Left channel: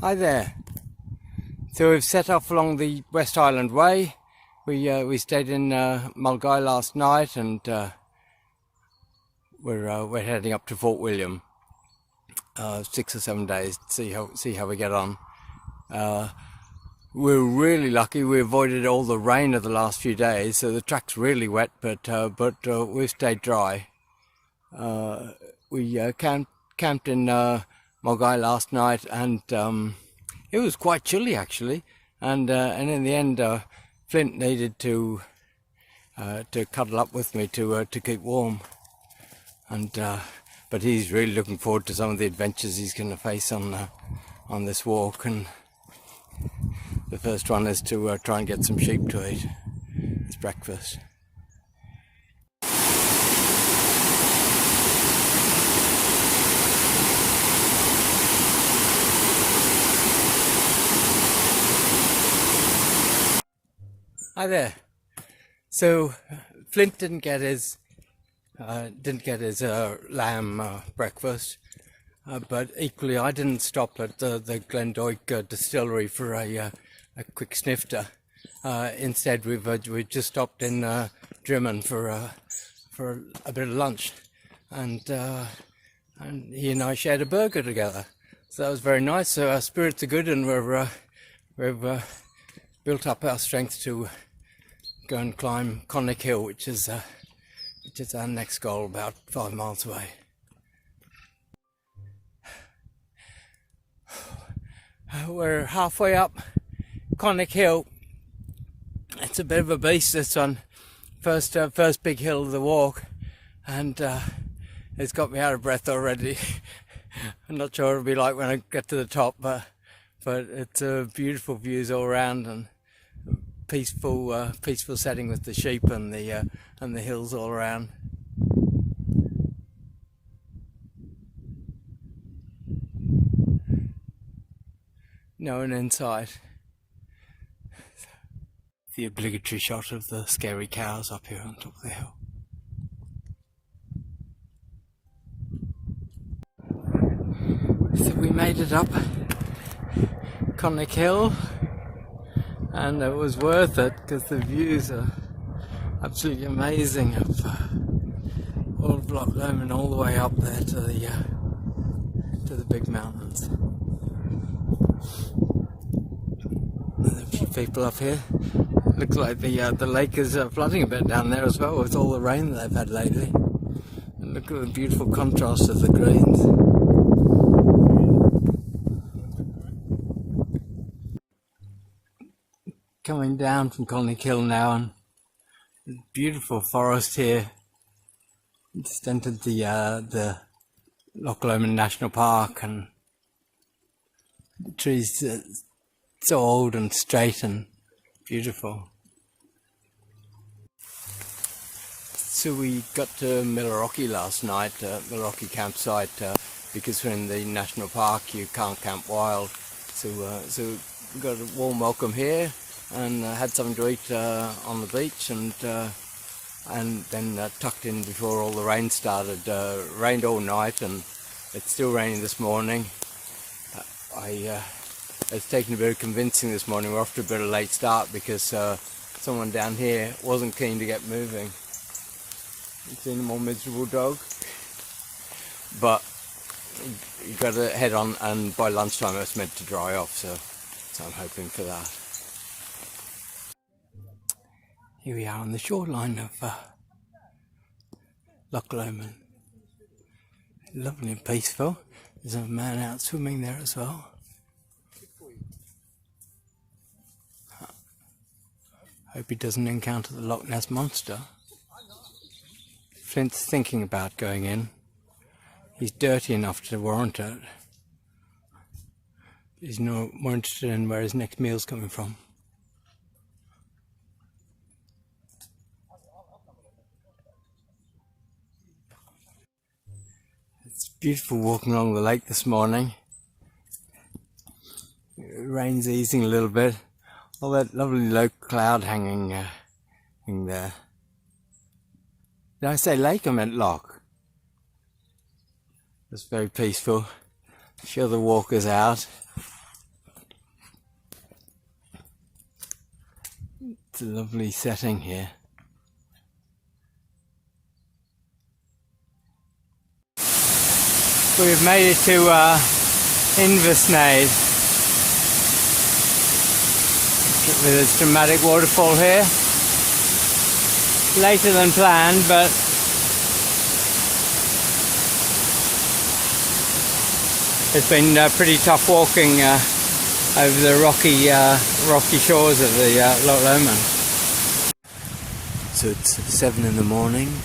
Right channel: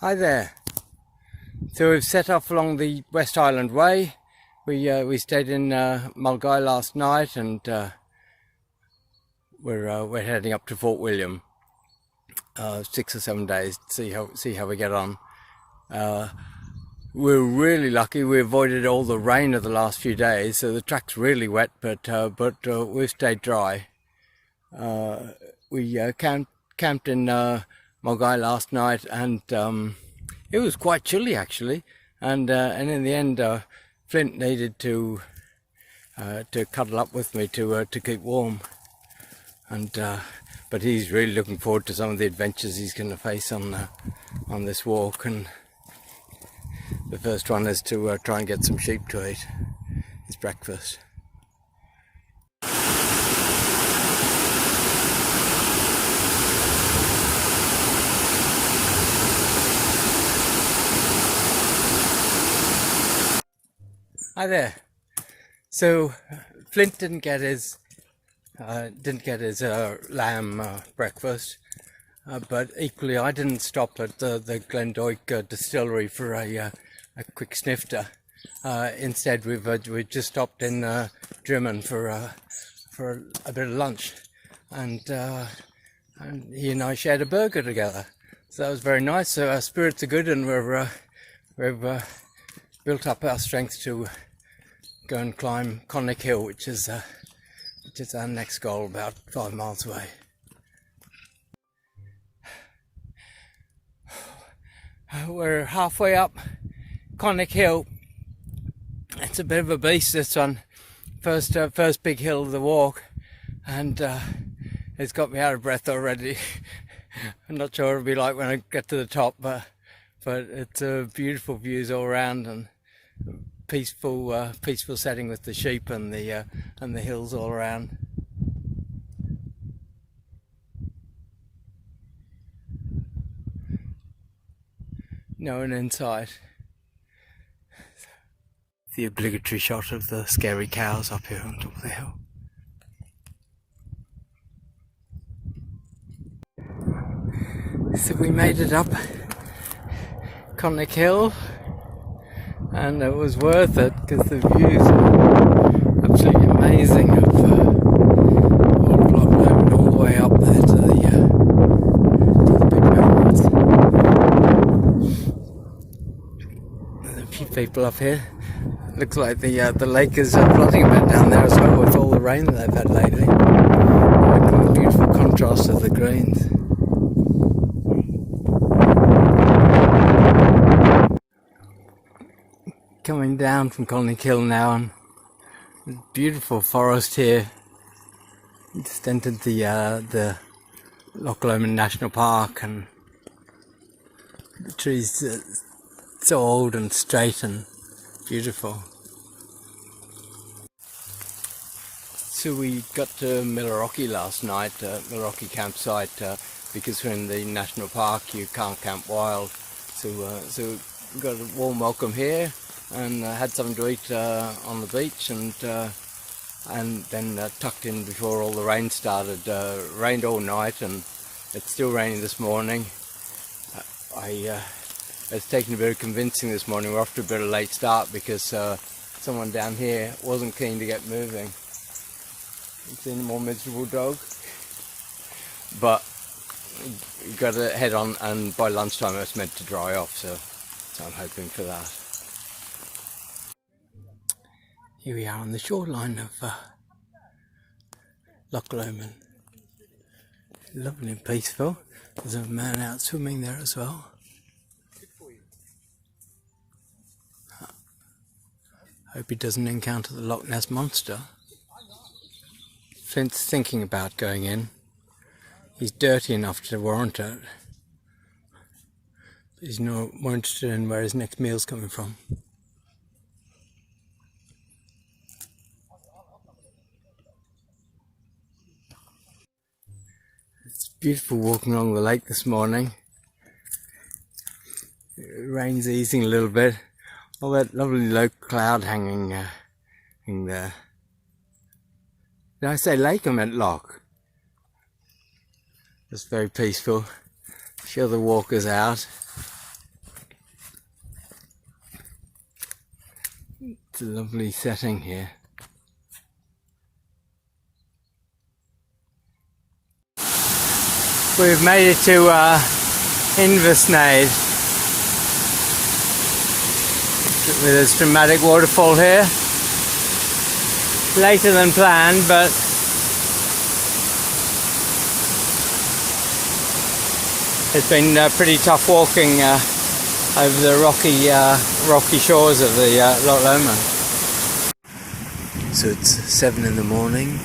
Hi there. So we've set off along the West Highland Way. We stayed in Mulgai last night, and we're heading up to Fort William. 6 or 7 days to see how we get on. We're really lucky. We avoided all the rain of the last few days, so the track's really wet, but we've stayed dry. We camped in Mulgai last night, and it was quite chilly actually. And in the end, Flint needed to cuddle up with me to keep warm. And but he's really looking forward to some of the adventures he's going to face on this walk. And the first one is to try and get some sheep to eat. It's breakfast. Hi there. So Flint didn't get his lamb breakfast, but equally I didn't stop at the Glendoick distillery for a quick snifter. Instead, we've just stopped in Drimmen for a bit of lunch, and he and I shared a burger together. So that was very nice. So our spirits are good, and we've built up our strength to go and climb Connick Hill, which is our next goal, about 5 miles away. We're halfway up Connick Hill. It's a bit of a beast, this one. First big hill of the walk, and it's got me out of breath already. I'm not sure what it'll be like when I get to the top, but it's beautiful views all around, and peaceful setting with the sheep and the hills all around. No one in sight. The obligatory shot of the scary cows up here on top of the hill. So we made it up Connick Hill, and it was worth it because the views are absolutely amazing of all of Loch Lomond all the way up there to the big mountains. There's a few people up here. Looks like the lake is flooding a bit down there as well with all the rain that they've had lately. Look at the beautiful contrast of the greens. Coming down from Connick Hill now, and beautiful forest here. Just entered the Loch Lomond National Park, and the trees so old and straight and beautiful. So we got to Millerockie last night, Millerockie campsite, because we're in the national park. You can't camp wild, so we got a warm welcome here, and had something to eat on the beach, and then tucked in before all the rain started. Rained all night, and it's still raining this morning. It's taken a bit of convincing this morning. We're off to a bit of a late start because someone down here wasn't keen to get moving. You've seen a more miserable dog, but you got to head on, and by lunchtime it's meant to dry off, so I'm hoping for that. Here we are on the shoreline of Loch Lomond. Lovely and peaceful. There's a man out swimming there as well. Hope he doesn't encounter the Loch Ness Monster. Flint's thinking about going in. He's dirty enough to warrant it. He's more interested in where his next meal's coming from. It's beautiful walking along the lake this morning. The rain's easing a little bit. All that lovely low cloud hanging there. Did I say lake? I meant loch. It's very peaceful. Show the walkers out. It's a lovely setting here. We've made it to Inversnaid with this dramatic waterfall here. Later than planned, but it's been pretty tough walking over the rocky shores of the Loch Lomond. So it's 7 in the morning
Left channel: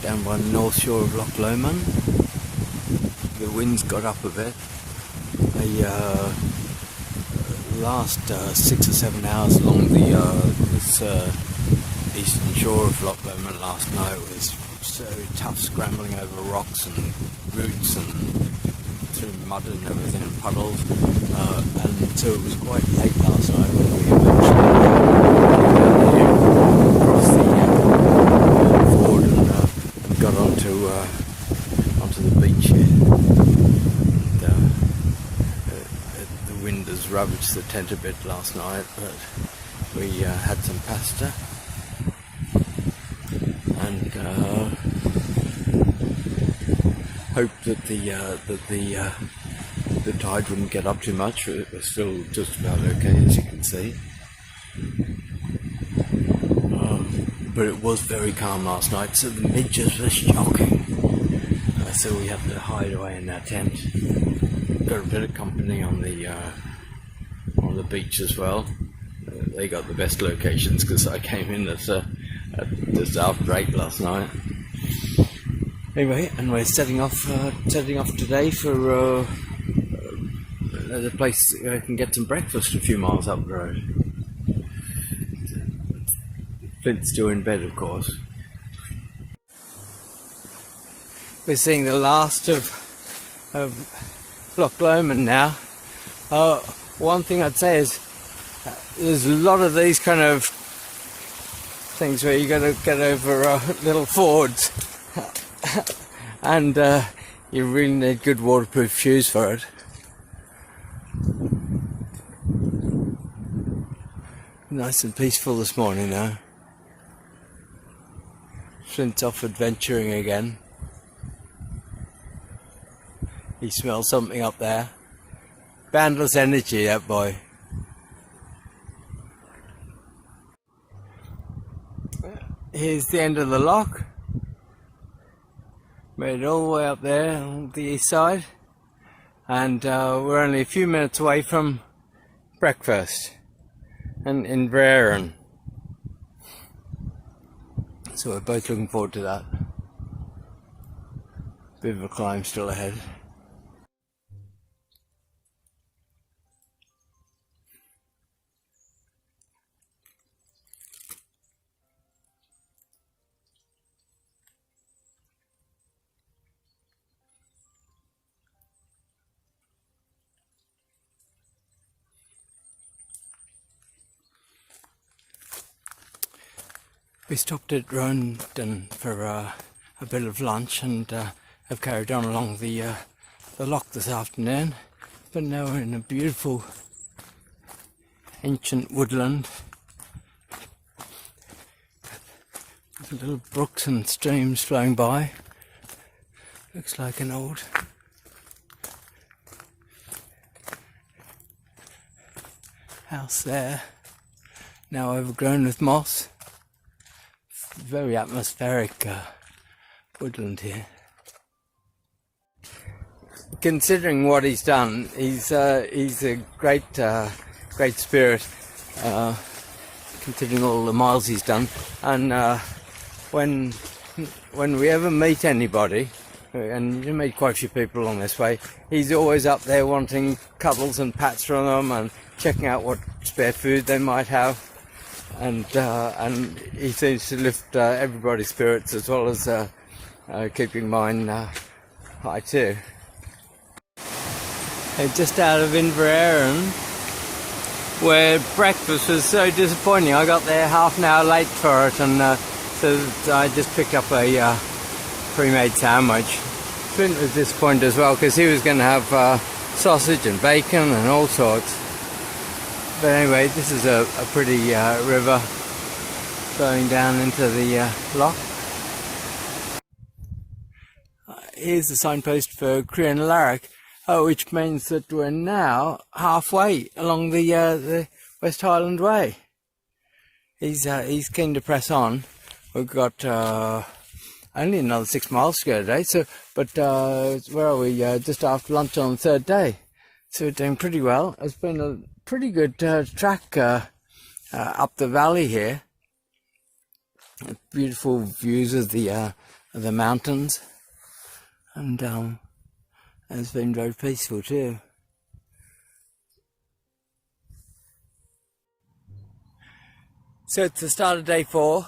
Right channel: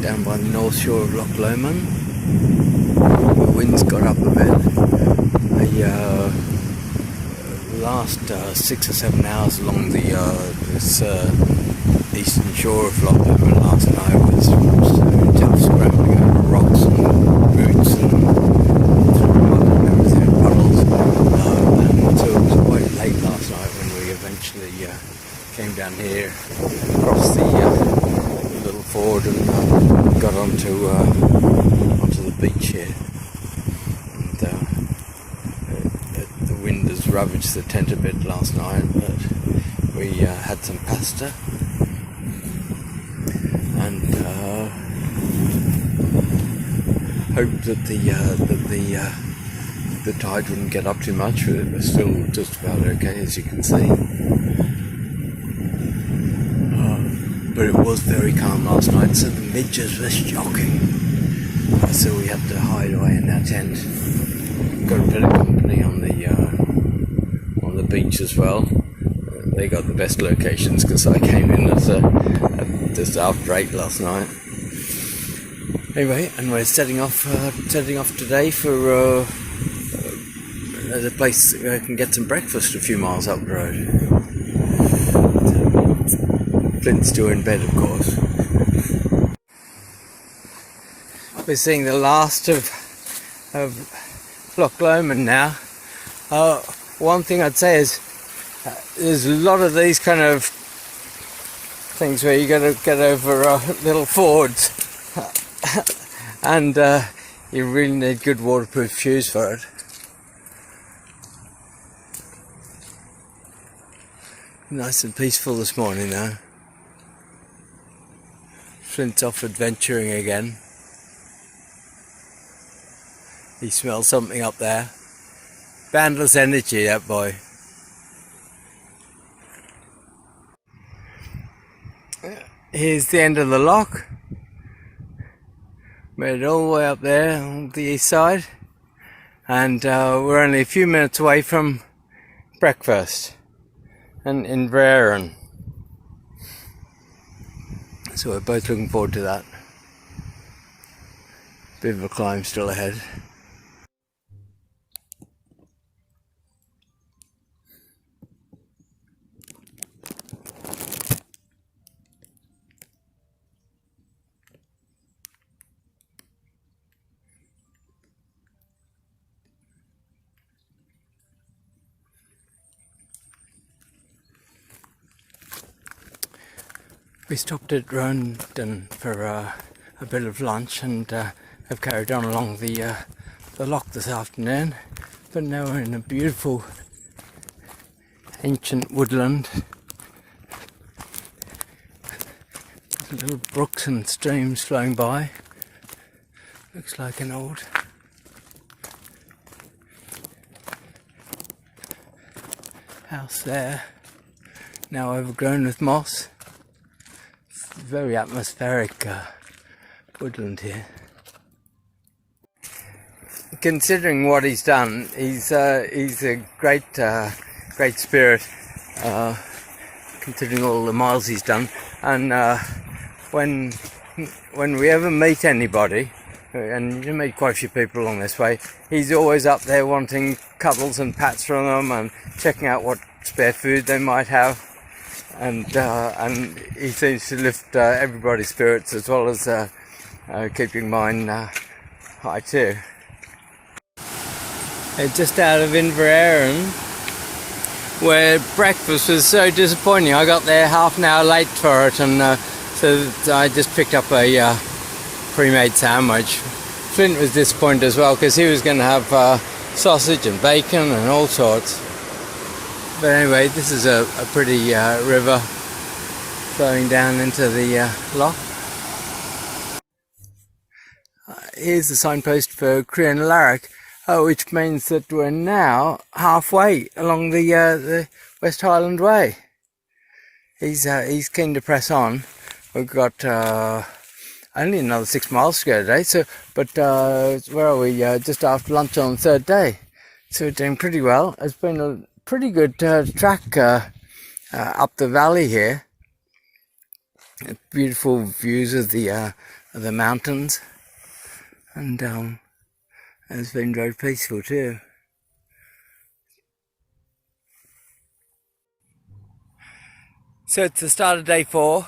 down by the north shore of Loch Lomond. The wind's got up a bit. The last 6 or 7 hours along this eastern shore of Loch Lomond last night was so tough, scrambling over rocks and roots and through mud and everything, and puddles. And so it was quite late last night when we eventually came down here, across the ford, and got onto the beach here. And, the wind has ravaged the tent a bit last night, but we had some pasta and hoped that the tide wouldn't get up too much. We're still just about okay, as you can see. But it was very calm last night, so the midges were shocking. So we had to hide away in our tent. Got a bit of company on the beach as well. They got the best locations because I came in at just after 8 last night. Anyway, and we're setting off today for a place where I can get some breakfast a few miles up the road. Flint's still in bed, of course. We're seeing the last of Loch Lomond now. One thing I'd say is there's a lot of these kind of things where you got to get over little fords, and you really need good waterproof shoes for it. Nice and peaceful this morning now. Flint's off adventuring again. He smells something up there. Boundless energy, that boy. Here's the end of the loch. Made it all the way up there on the east side. And we're only a few minutes away from breakfast and in Inversnaid. So we're both looking forward to that. Bit of a climb still ahead. We stopped at Rondon for a bit of lunch and have carried on along the loch this afternoon. But now we're in a beautiful ancient woodland. There's little brooks and streams flowing by. Looks like an old house there, now overgrown with moss. Very atmospheric woodland here. Considering what he's done, he's a great spirit. Considering all the miles he's done, and when we ever meet anybody, and you meet quite a few people along this way, he's always up there wanting cuddles and pats from them and checking out what spare food they might have. And he seems to lift everybody's spirits as well as keeping mine high too. Just out of Inversnaid, where breakfast was so disappointing. I got there half an hour late for it, and so I just picked up a pre-made sandwich. Flint was disappointed as well because he was going to have sausage and bacon and all sorts. But anyway, this is a pretty river flowing down into the loch. Here's the signpost for Crian Larrick, which means that we're now halfway along the West Highland Way. He's keen to press on. We've got only another 6 miles to go today. So, but where are we? Just after lunch on the third day. So we're doing pretty well. It's been a pretty good track up the valley here. Beautiful views of the mountains, and it's been very peaceful too. So it's the start of day 4.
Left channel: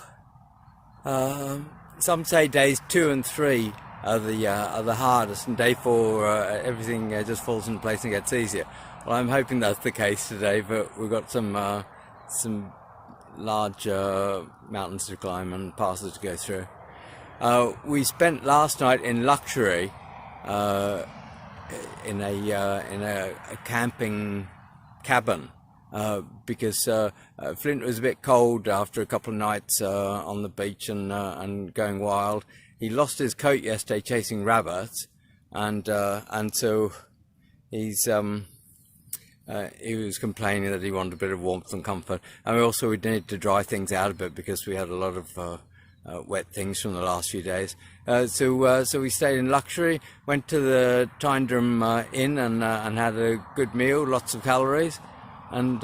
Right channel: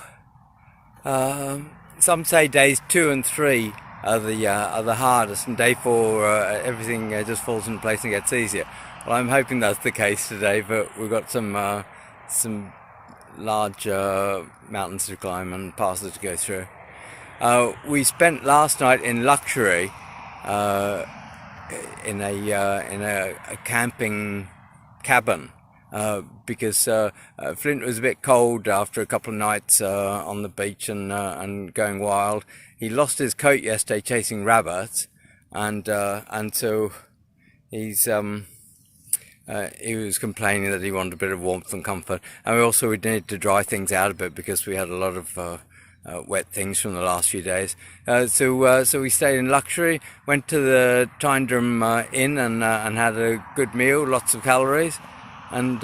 Some say days 2 and 3 are the hardest, and day 4 everything just falls into place and gets easier. Well, I'm hoping that's the case today, but we've got some large mountains to climb and passes to go through. We spent last night in luxury in a camping cabin because Flint was a bit cold after a couple of nights on the beach and going wild. He lost his coat yesterday chasing rabbits, and so he was complaining that he wanted a bit of warmth and comfort, and we needed to dry things out a bit because we had a lot of wet things from the last few days. So we stayed in luxury, went to the Tyndrum Inn and had a good meal, lots of calories, and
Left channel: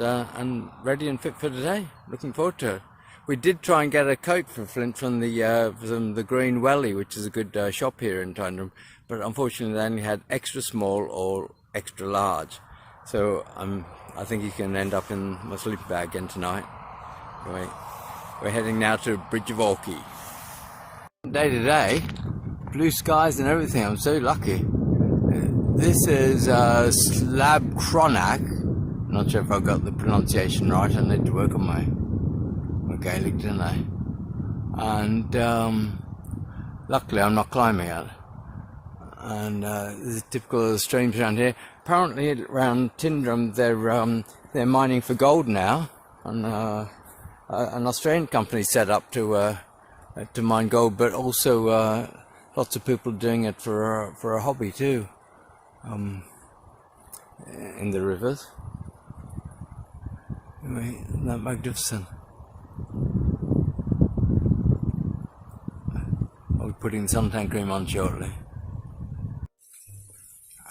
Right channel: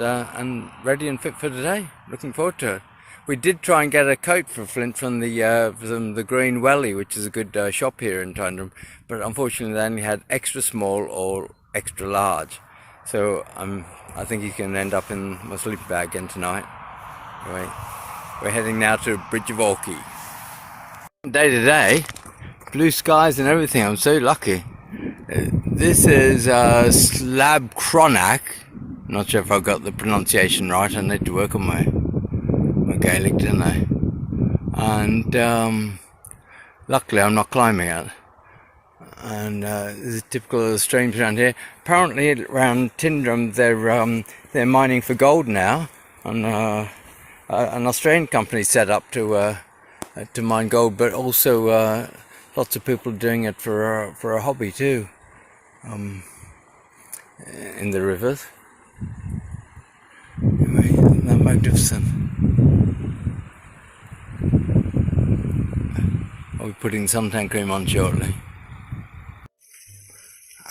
ready and fit for today. Looking forward to it. We did try and get a coat for Flint from the Green Welly, which is a good shop here in Tyndrum, but unfortunately they only had extra small or extra large. So I think he's going to end up in my sleeping bag again tonight. Anyway, we're heading now to Bridge of Orkney. Day to day, blue skies and everything. I'm so lucky. This is Slab Cronach. Not sure if I got the pronunciation right. I need to work on my Gaelic, don't I? And luckily I'm not climbing it. And this is typical of the streams around here. Apparently around Tyndrum they're mining for gold now, and an Australian company set up to mine gold, but also lots of people doing it for a hobby too, in the rivers. Anyway, isn't that magnificent? I'll be putting suntan cream on shortly.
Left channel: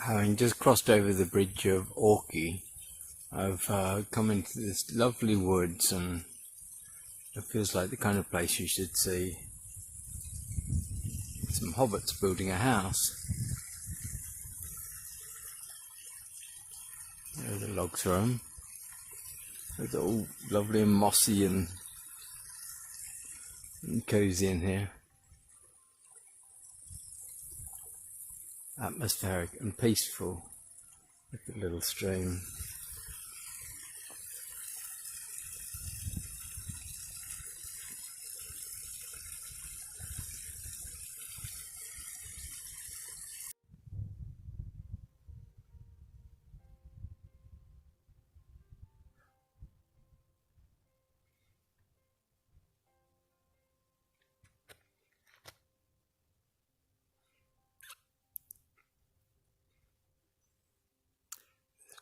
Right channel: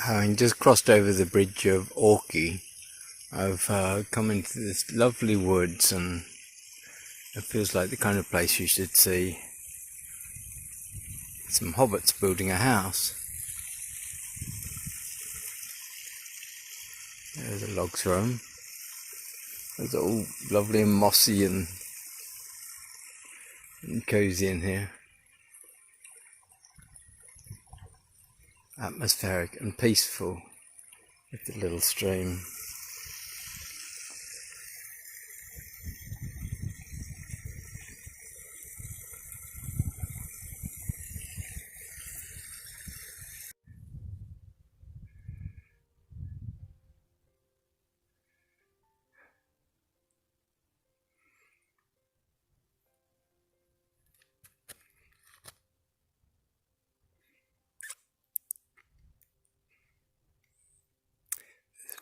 Having just crossed over the Bridge of Orkney, I've come into this lovely woods, and it feels like the kind of place you should see. Some hobbits building a house. There's the logs for them. It's all lovely and mossy and cosy in here. Atmospheric and peaceful with the little stream.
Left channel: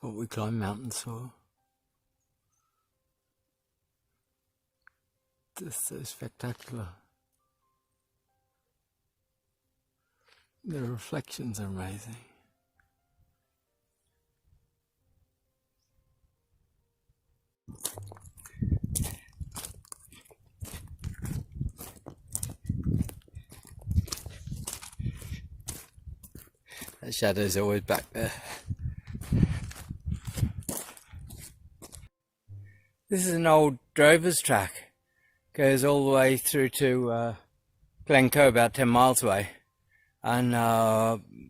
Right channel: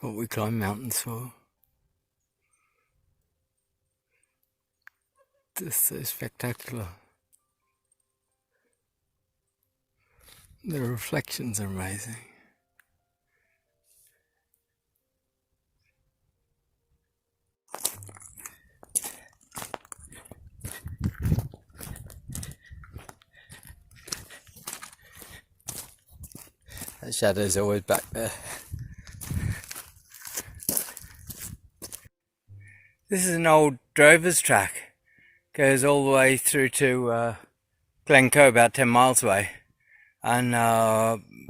What we climb mountains for. Just so spectacular. The reflections are amazing. That shadow's always back there. This is an old drover's track. Goes all the way through to Glencoe, about 10 miles away. And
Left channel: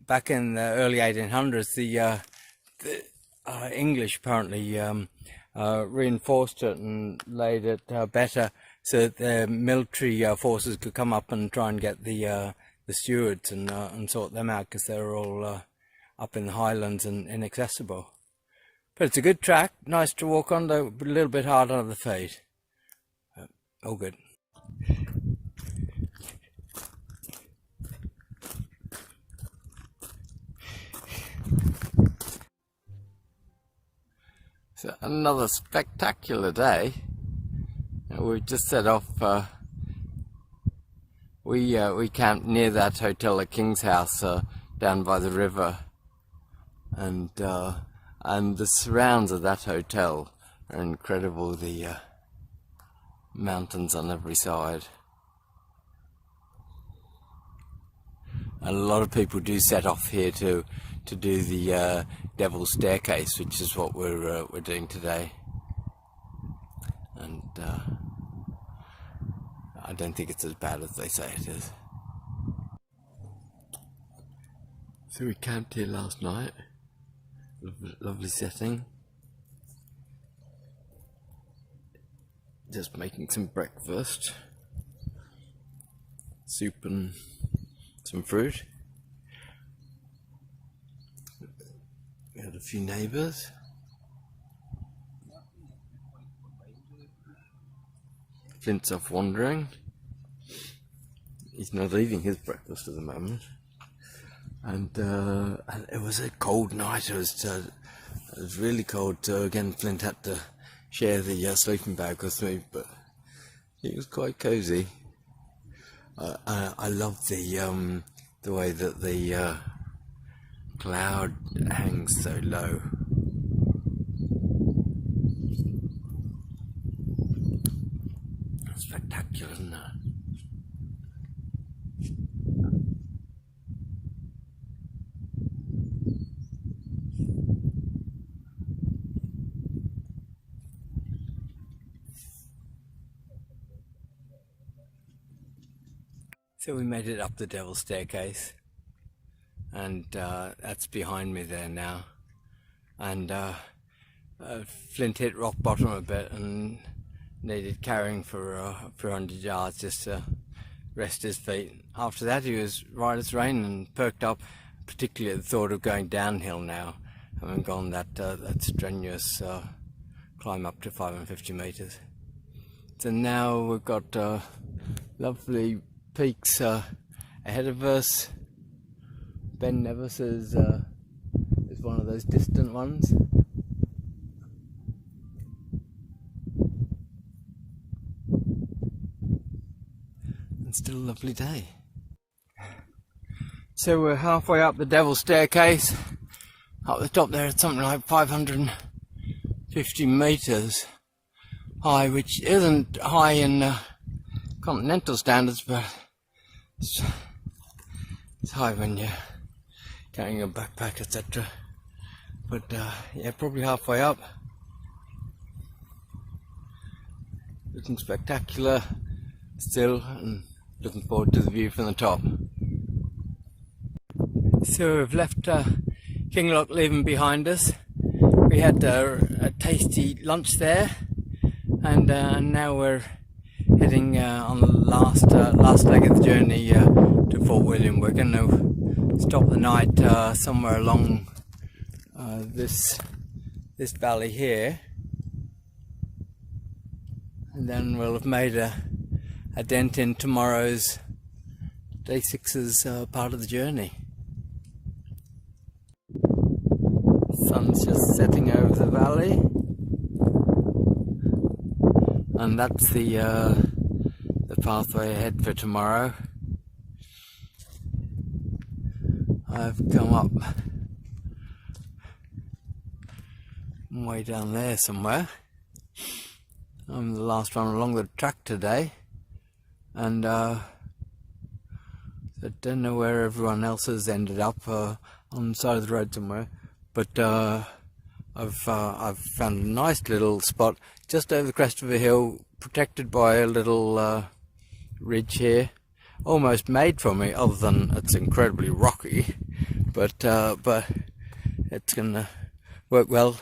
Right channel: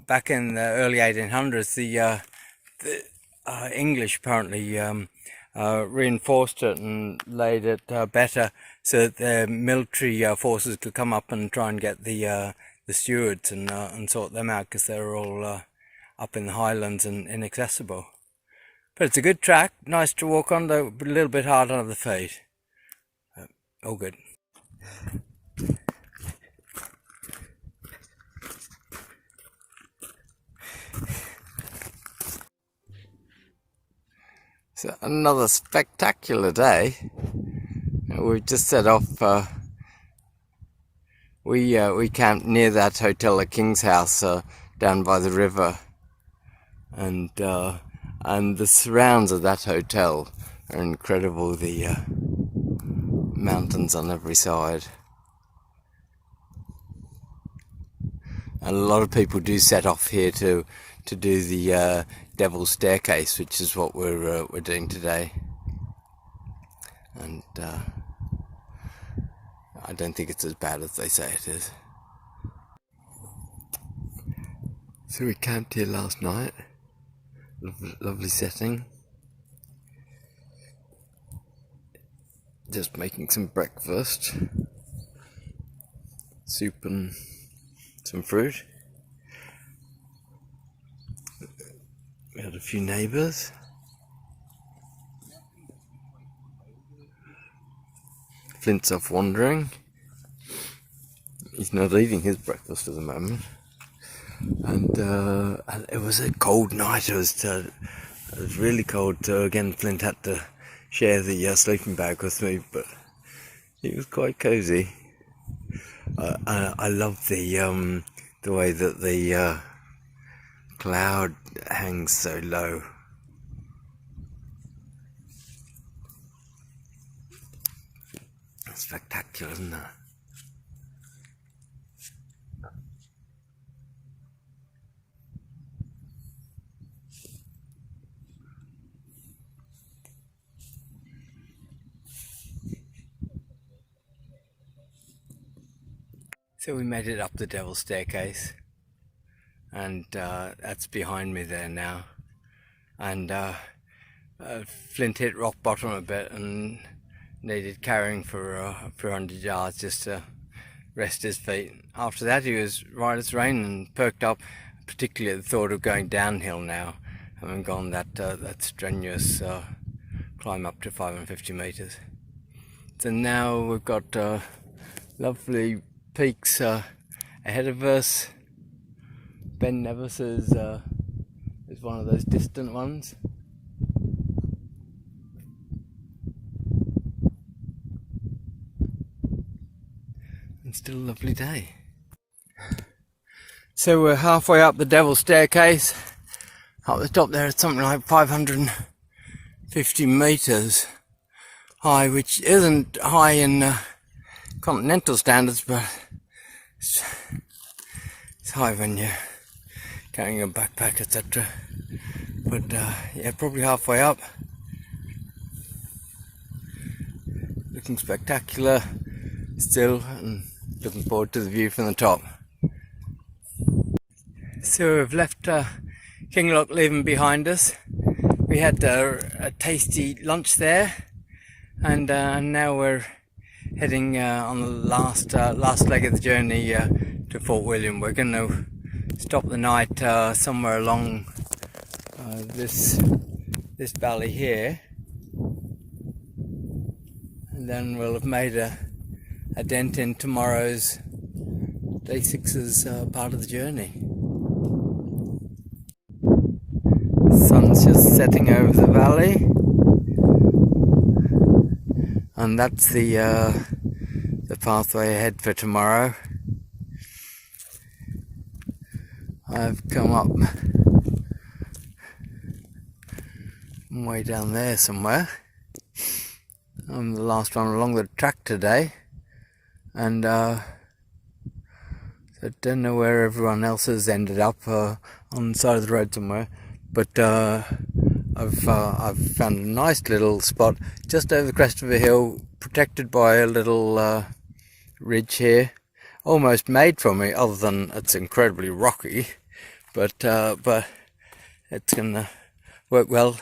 back in the early 1800s, the English apparently reinforced it and laid it better so that the military forces could come up and try and get the stewards and sort them out, because they were all up in the highlands and inaccessible. But it's a good track, nice to walk on, though a little bit hard on the feet. All good. So another spectacular day. We've just set off. We camped near that hotel at King's House down by the river, and the surrounds of that hotel are incredible. The mountains on every side, and a lot of people do set off here to do the Devil's Staircase, which is what we're doing today. And I don't think it's as bad as they say it is. So we camped here last night. Lovely setting. Just making some breakfast. Soup and some fruit. We had a few neighbours. Flint's off wandering. He's not eating his breakfast at the moment. And it was a cold night. It was really cold. So again, Flint had to share the sleeping bag with me, but it was quite cosy. I love the way that the cloud hangs so low. Spectacular, isn't it? So we made it up the Devil's Staircase, and that's behind me there now. And Flint hit rock bottom a bit and needed carrying for a few 100 yards just to rest his feet. After that he was right as rain and perked up, particularly at the thought of going downhill now, having gone that strenuous climb up to 550 metres. So now we've got lovely peaks ahead of us. Ben Nevis is one of those distant ones. And still a lovely day. So we're halfway up the Devil's Staircase. Up the top there it's something like 550 metres high, which isn't high in continental standards, but it's high when you're carrying a backpack, etc. But yeah, probably halfway up. Looking spectacular still, and looking forward to the view from the top. So we've left Kinloch Leven behind us. We had a tasty lunch there, and now we're heading on the last leg of the journey to Fort William. We're going to stop the night somewhere along this valley here, and then we'll have made a dent in tomorrow's day 6's part of the journey. The sun's just setting over the valley, and that's the pathway ahead for tomorrow. I've come up way down there somewhere. I'm the last one along the track today, and I don't know where everyone else has ended up, on the side of the road somewhere, but I've found a nice little spot just over the crest of a hill, protected by a little ridge here, almost made for me, other than it's incredibly rocky, but it's gonna work well.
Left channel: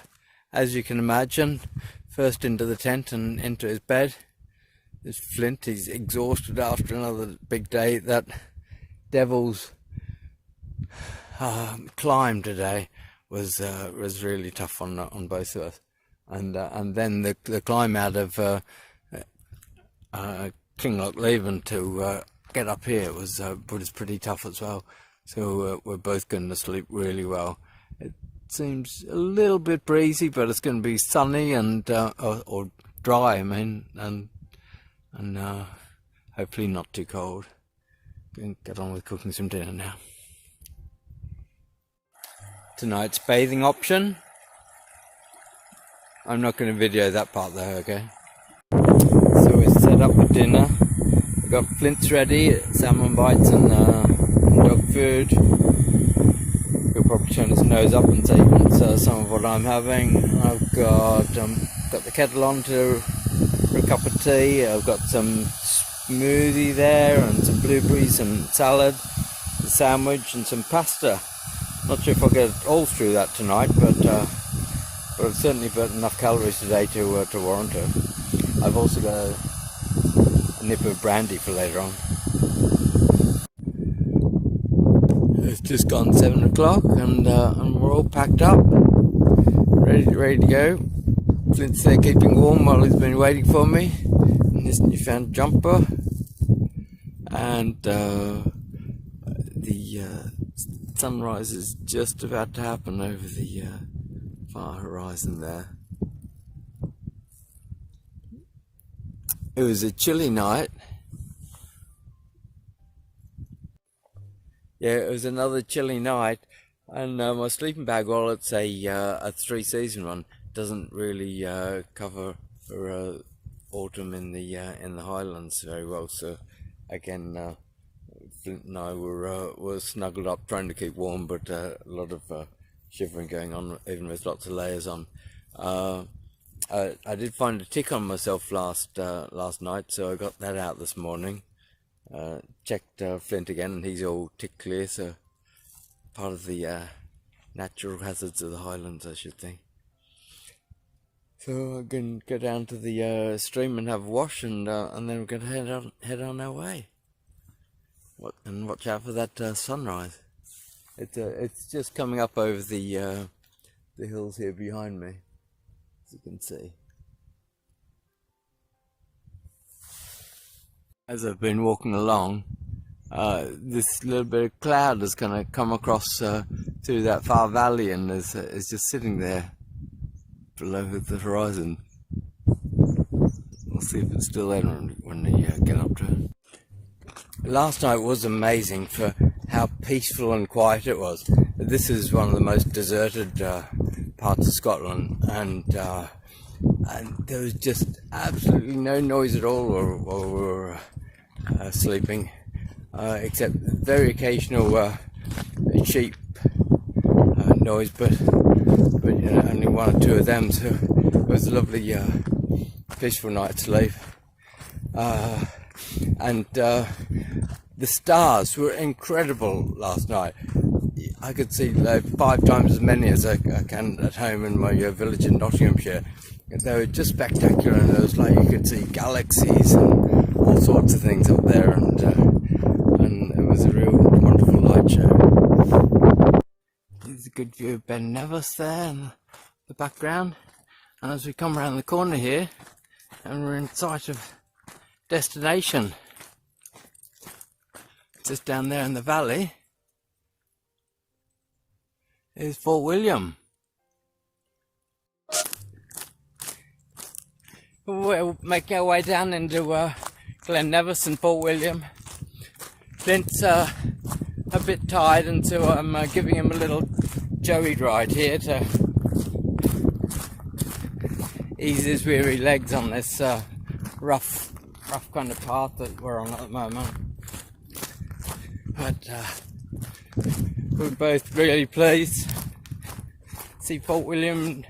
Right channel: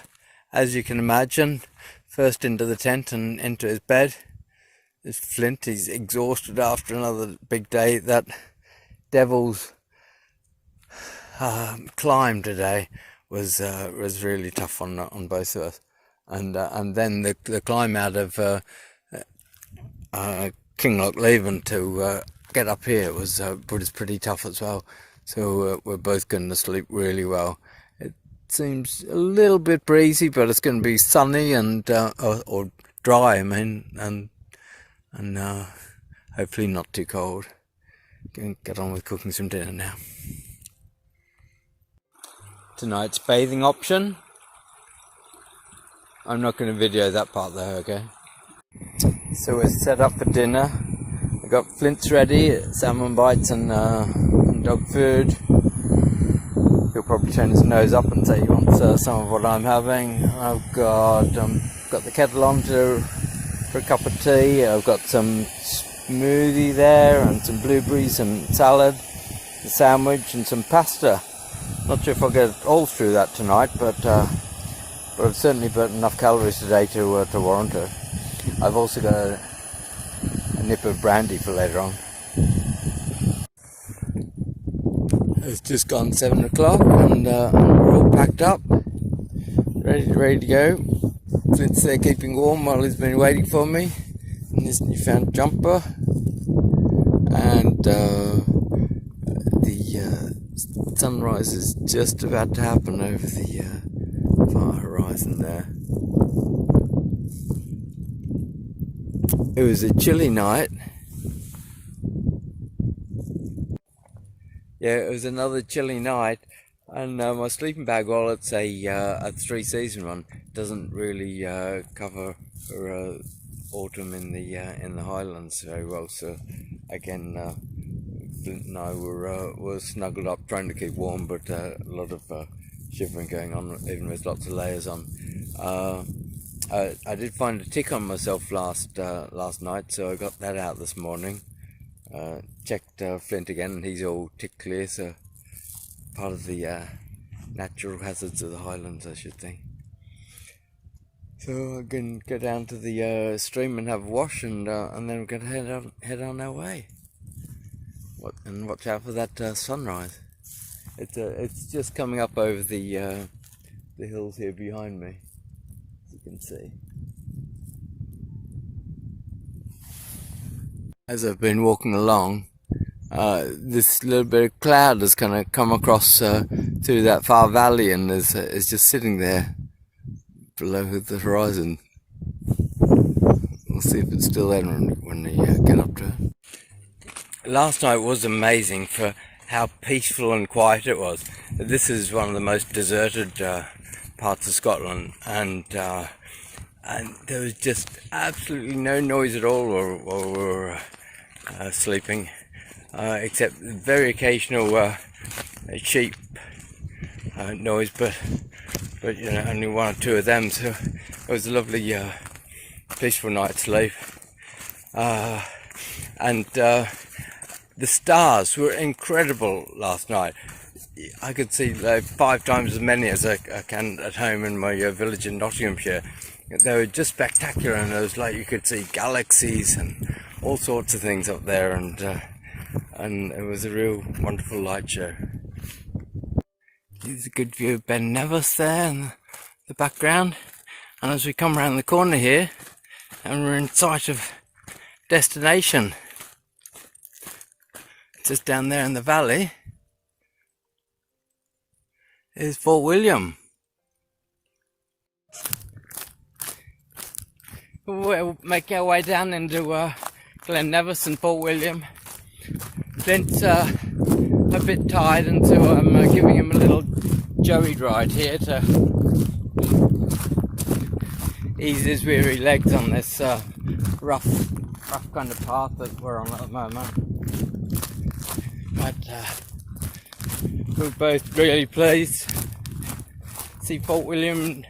As you can imagine, first into the tent and into his bed is Flint. He's exhausted after another big day. That Devil's climb today was really tough on both of us. And then the climb out of Kinlochleven to get up here was pretty tough as well. So we're both going to sleep really well. It seems a little bit breezy, but it's going to be sunny and or dry, I mean, and hopefully not too cold. Going to get on with cooking some dinner now. Tonight's bathing option. I'm not going to video that part though, okay? So we're set up for dinner. We've got Flint's ready, salmon bites and dog food. He'll probably turn his nose up and say he wants some of what I'm having. I've got the kettle on for a cup of tea. I've got some smoothie there and some blueberries and salad, a sandwich and some pasta. Not sure if I'll get all through that tonight, but I've certainly burnt enough calories today to warrant it. I've also got a nip of brandy for later on. It's just gone 7 o'clock and we're all packed up, ready to go. Flint's there keeping warm while he's been waiting for me in this newfound jumper. And the sunrise is just about to happen over the far horizon there. It was a chilly night. Yeah, it was another chilly night, and my sleeping bag, while it's a 3-season one, doesn't really cover for autumn in the Highlands very well. So again, Flint and I were snuggled up trying to keep warm, but a lot of shivering going on, even with lots of layers on. I did find a tick on myself last night, so I got that out this morning. Checked Flint again, and he's all tick clear, so part of the natural hazards of the Highlands, I should think. So I'm going to go down to the stream and have a wash, and then we're going to head on our way. And watch out for that sunrise. It's just coming up over the hills here behind me, as you can see. As I've been walking along, this little bit of cloud has kind of come across through that far valley and is just sitting there below the horizon. We'll see if it's still there when we get up to it. Last night was amazing for how peaceful and quiet it was. This is one of the most deserted parts of Scotland, and there was just absolutely no noise at all while we were sleeping, except very occasional sheep noise, but you know, only 1 or 2 of them. So it was a lovely, peaceful night's sleep. And the stars were incredible last night. I could see like 5 times as many as I can at home in my village in Nottinghamshire. They were just spectacular, and it was like you could see galaxies and all sorts of things up there, and it was a real wonderful light show. There's a good view of Ben Nevis there in the background, and as we come around the corner here, and we're in sight of destination, just down there in the valley is Fort William. We'll make our way down into Glen Nevis and Fort William. Flint's a bit tired, and so I'm giving him a little joey ride here to ease his weary legs on this rough kind of path that we're on at the moment. But we're both really pleased. See Fort William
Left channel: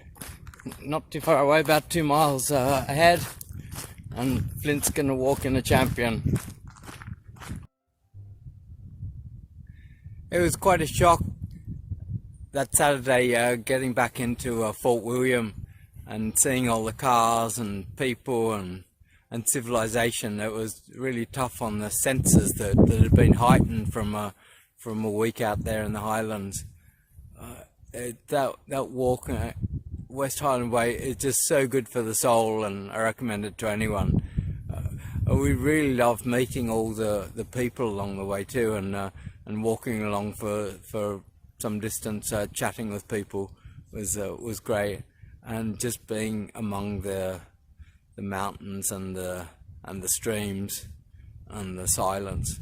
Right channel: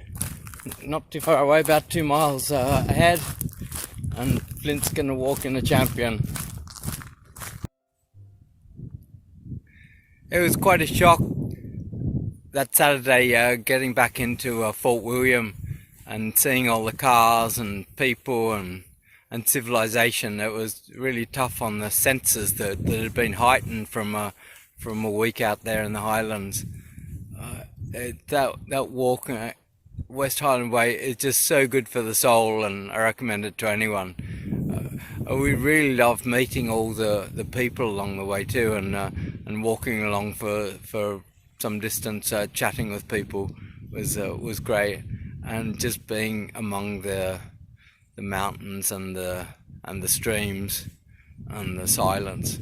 not too far away, about 2 miles ahead, and Flint's going to walk in a champion. It was quite a shock that Saturday getting back into Fort William and seeing all the cars and people and civilization. It was really tough on the senses that had been heightened from a week out there in the Highlands. that walk, West Highland Way, is just so good for the soul, and I recommend it to anyone. We really loved meeting all the people along the way too, and walking along for some distance, chatting with people was great, and just being among the mountains and the streams and the silence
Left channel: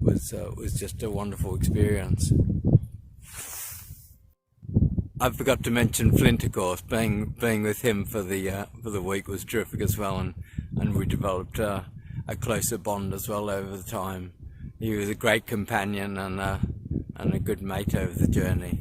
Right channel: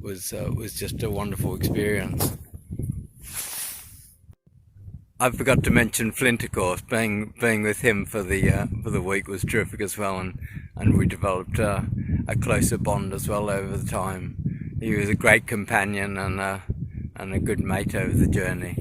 was just a wonderful experience. I forgot to mention Flint, of course. Being with him for the week was terrific as well, and we developed a closer bond as well over the time. He was a great companion and a good mate over the journey.